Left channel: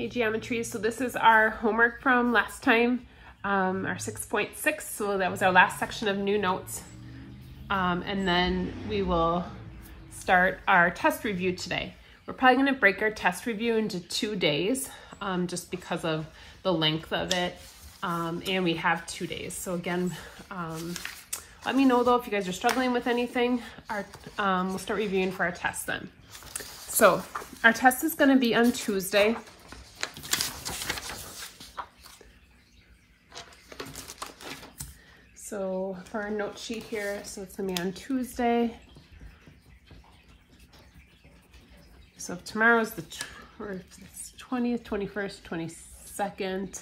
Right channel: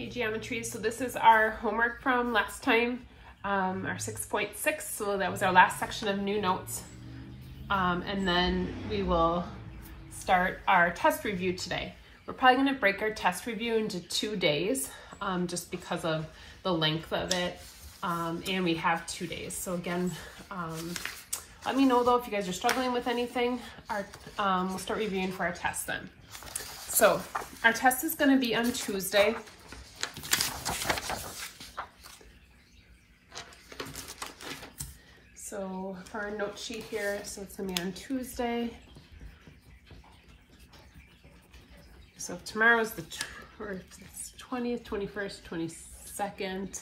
Hey Geometry, so this is our homework from last time, our 6.6, so that was our last section of new notes. And then we will start our test review today. We're probably gonna break our test review into 2 days, just because of the length of it, and we have 2 days. So again, let me know though if you guys are struggling with anything. We'll start reviewing for our test then. So our test is gonna be on Tuesday. So for our note sheet here, so it's gonna be on Tuesday. So tomorrow's the 20th, 21st, 22nd,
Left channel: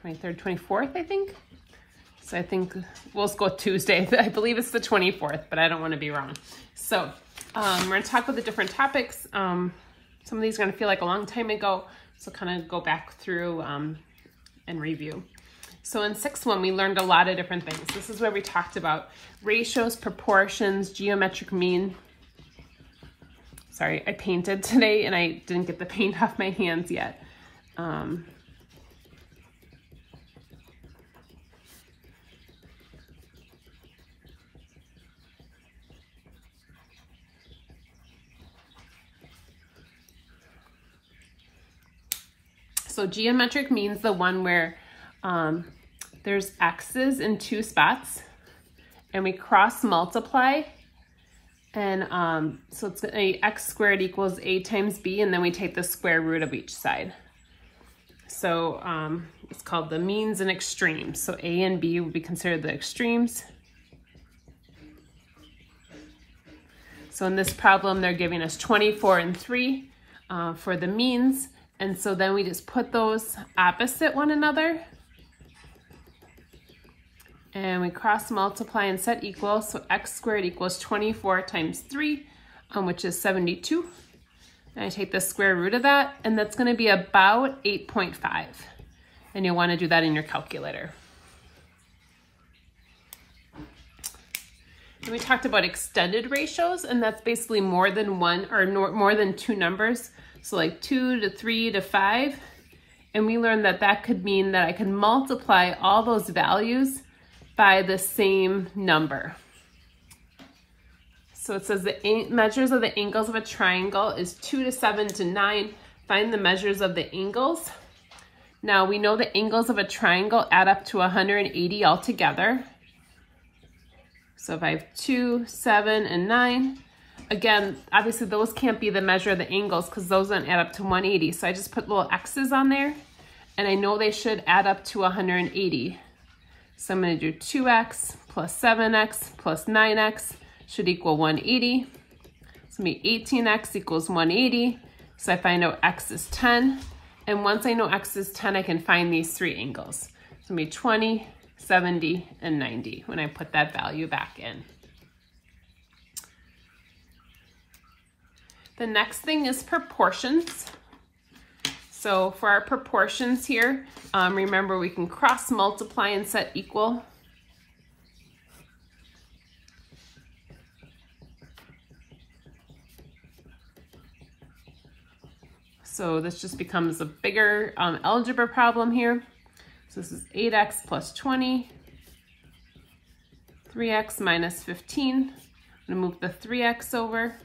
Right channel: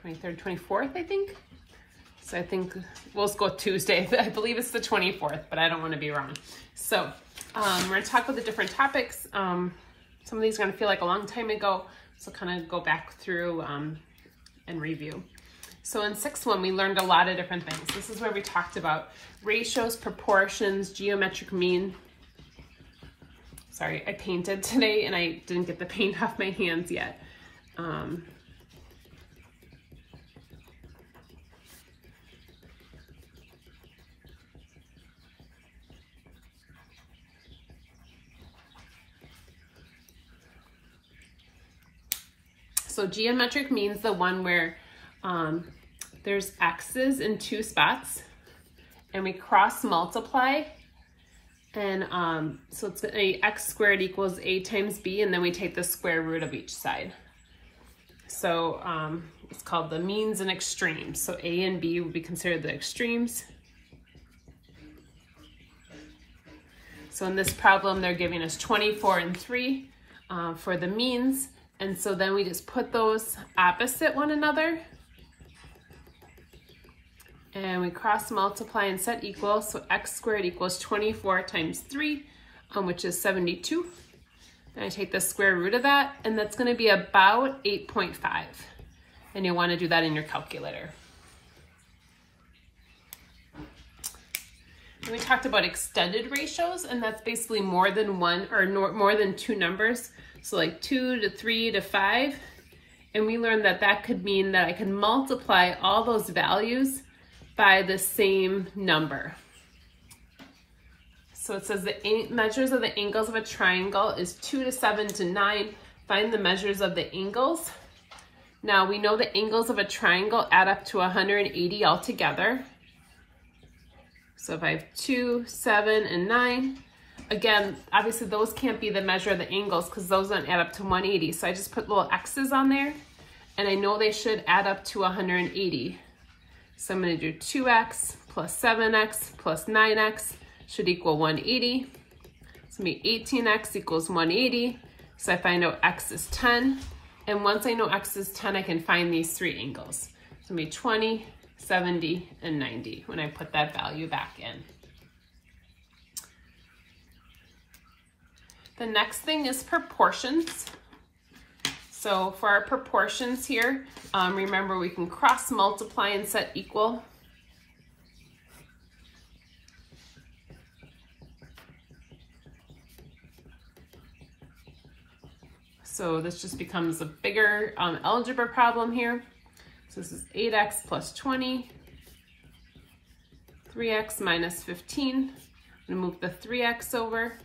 23rd, 24th, I think. So I think we'll just go Tuesday. I believe it's the 24th, but I don't want to be wrong. So we're gonna talk about the different topics. Some of these are gonna feel like a long time ago, so kind of go back through and review. So in 6.1, we learned a lot of different things. This is where we talked about ratios, proportions, geometric mean. Sorry, I painted today and I didn't get the paint off my hands yet. So geometric means the one where there's x's in 2 spots and we cross multiply, and so it's a x squared equals a times b, and then we take the square root of each side. So it's called the means and extremes. So a and b would be considered the extremes. So in this problem, they're giving us 24 and 3 for the means. And so then we just put those opposite one another and we cross multiply and set equal. So x squared equals 24 times 3, which is 72. And I take the square root of that, and that's going to be about 8.5. And you'll want to do that in your calculator. And we talked about extended ratios, and that's basically more than one or more than 2 numbers. So like 2 to 3 to 5. And we learned that that could mean that I can multiply all those values by the same number. So it says the measures of the angles of a triangle is 2 to 7 to 9. Find the measures of the angles. Now we know the angles of a triangle add up to 180 altogether. So if I have 2, 7, and 9, again, obviously those can't be the measure of the angles because those don't add up to 180. So I just put little x's on there, and I know they should add up to 180. So I'm going to do 2x plus 7x plus 9x should equal 180. So it'll be 18x equals 180. So if I know x is 10, and once I know x is 10, I can find these 3 angles. So it'll be 20, 70, and 90 when I put that value back in. The next thing is proportions. So for our proportions here, remember we can cross multiply and set equal. So this just becomes a bigger algebra problem here. So this is 8x plus 20, 3x minus 15. I'm gonna move the 3x over.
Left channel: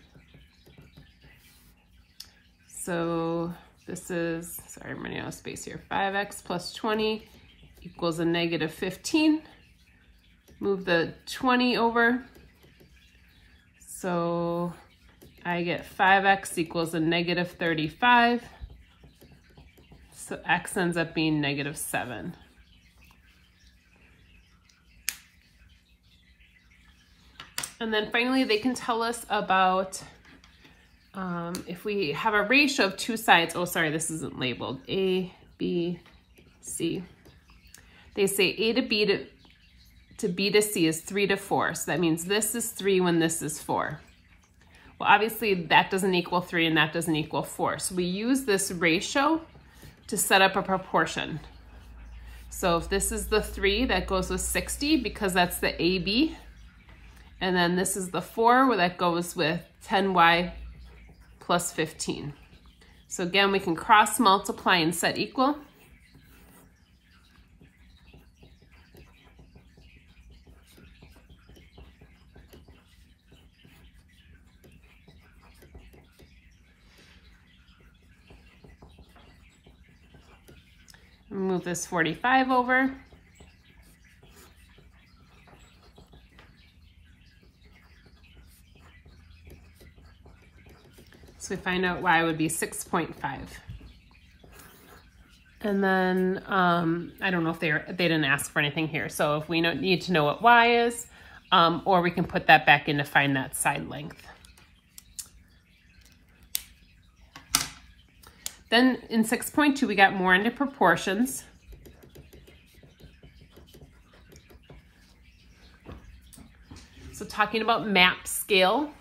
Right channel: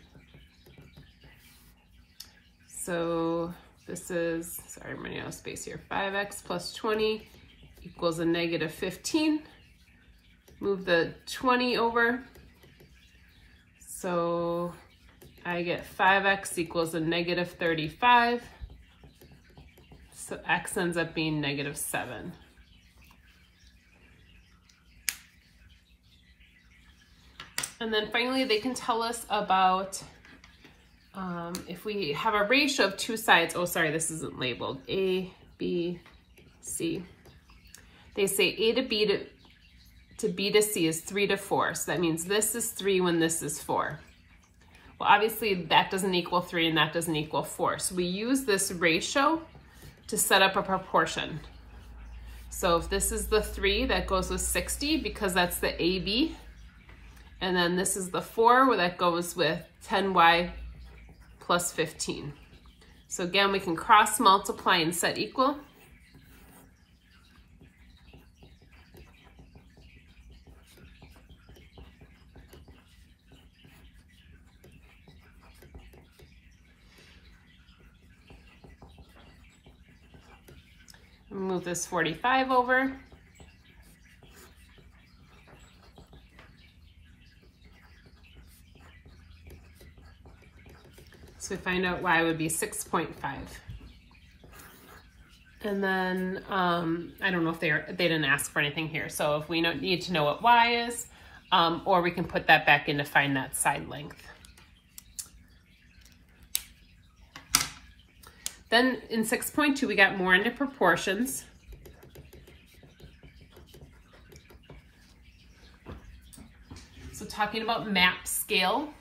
So this is, sorry, I'm running out of space here, 5x plus 20 equals a negative 15. Move the 20 over. So I get 5x equals a negative 35. So x ends up being negative 7. And then finally, they can tell us about if we have a ratio of 2 sides. Oh, sorry, this isn't labeled. A, B, C. They say A to B to B to C is 3 to 4. So that means this is 3 when this is 4. Well, obviously that doesn't equal 3 and that doesn't equal 4. So we use this ratio to set up a proportion. So if this is the 3, that goes with 60 because that's the AB. And then this is the 4 where that goes with 10y plus 15. So again, we can cross multiply and set equal. Move this 45 over. So we find out y would be 6.5. And then, I don't know if they didn't ask for anything here. So if we need to know what y is, or we can put that back in to find that side length. Then in 6.2, we got more into proportions. So talking about map scale.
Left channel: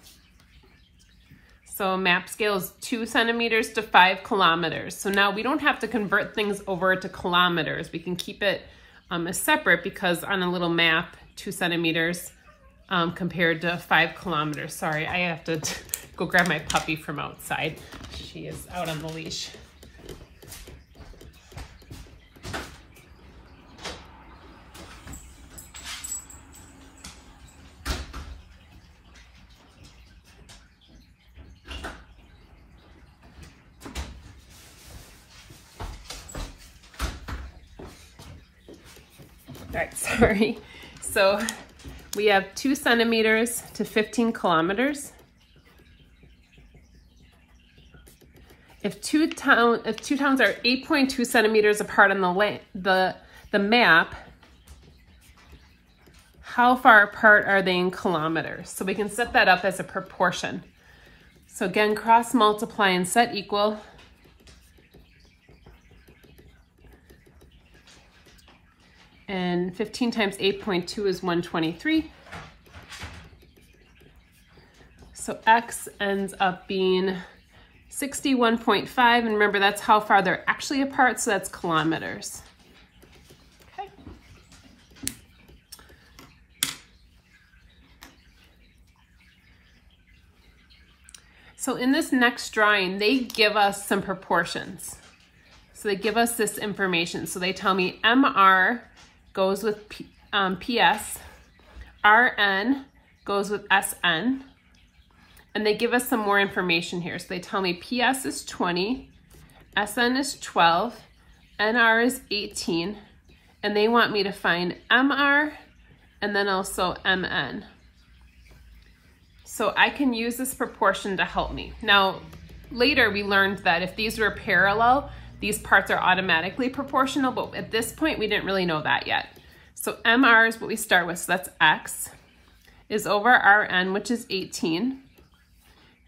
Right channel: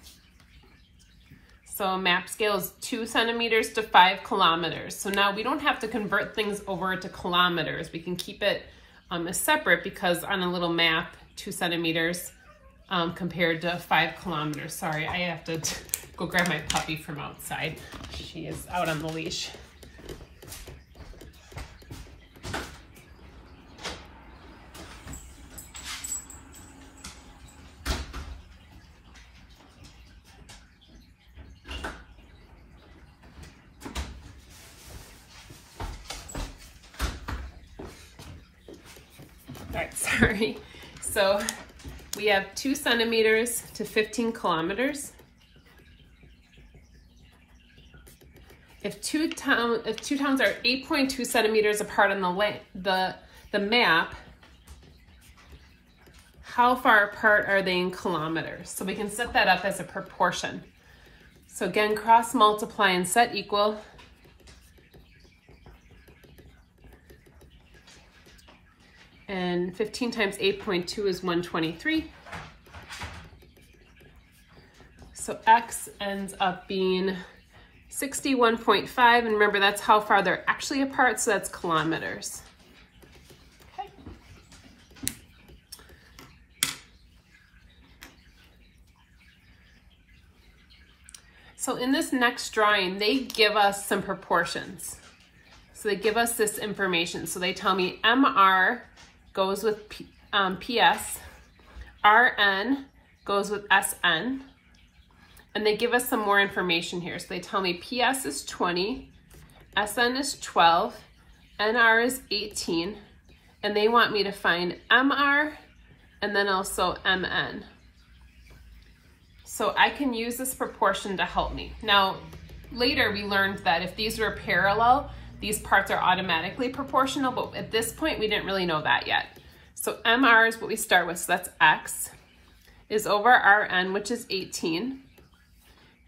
So map scale is 2 centimeters to 5 kilometers. So now we don't have to convert things over to kilometers. We can keep it as separate because on a little map, 2 centimeters compared to 5 kilometers. Sorry, I have to go grab my puppy from outside. She is out on the leash. Right, sorry. So we have 2 centimeters to 15 kilometers. If two towns are 8.2 centimeters apart on the map, how far apart are they in kilometers? So we can set that up as a proportion. So again, cross multiply and set equal. And 15 times 8.2 is 123. So x ends up being 61.5, and remember that's how far they're actually apart, so that's kilometers. Okay. So in this next drawing, they give us some proportions. So they give us this information. So they tell me MR goes with PS, RN goes with SN, and they give us some more information here. So they tell me PS is 20, SN is 12, NR is 18, and they want me to find MR and then also MN. So I can use this proportion to help me. Now, later we learned that if these were parallel, these parts are automatically proportional, but at this point, we didn't really know that yet. So MR is what we start with, so that's X, is over RN, which is 18.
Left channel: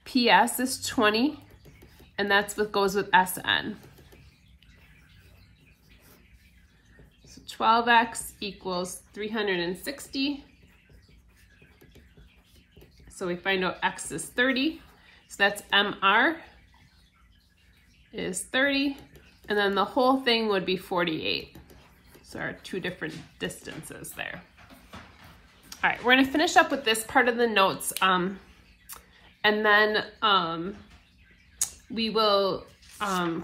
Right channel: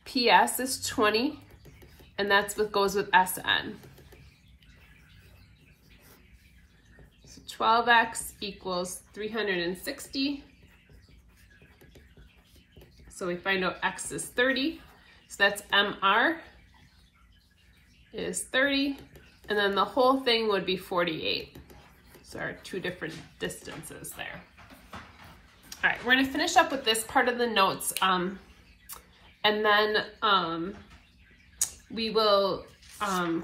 PS is 20, and that's what goes with SN. So 12X equals 360. So we find out X is 30. So that's MR is 30. And then the whole thing would be 48. So there are 2 different distances there. All right, we're gonna finish up with this part of the notes. And then we will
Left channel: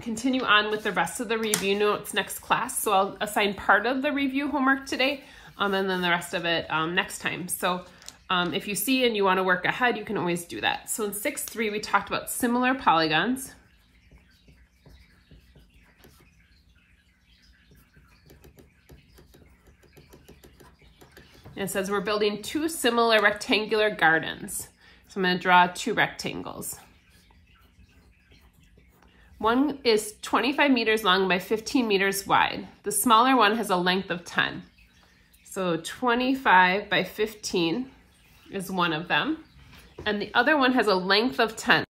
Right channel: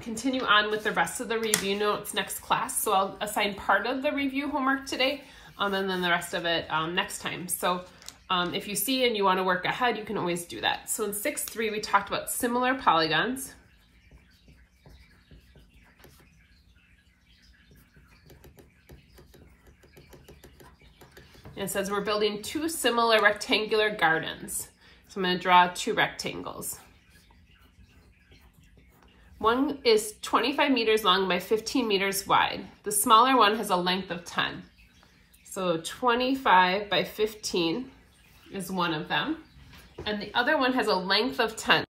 continue on with the rest of the review notes next class. So I'll assign part of the review homework today, and then the rest of it next time. So if you see and you wanna work ahead, you can always do that. So in 6.3, we talked about similar polygons. It says we're building 2 similar rectangular gardens. So I'm going to draw 2 rectangles. One is 25 meters long by 15 meters wide. The smaller one has a length of 10. So 25 by 15 is one of them. And the other one has a length of 10.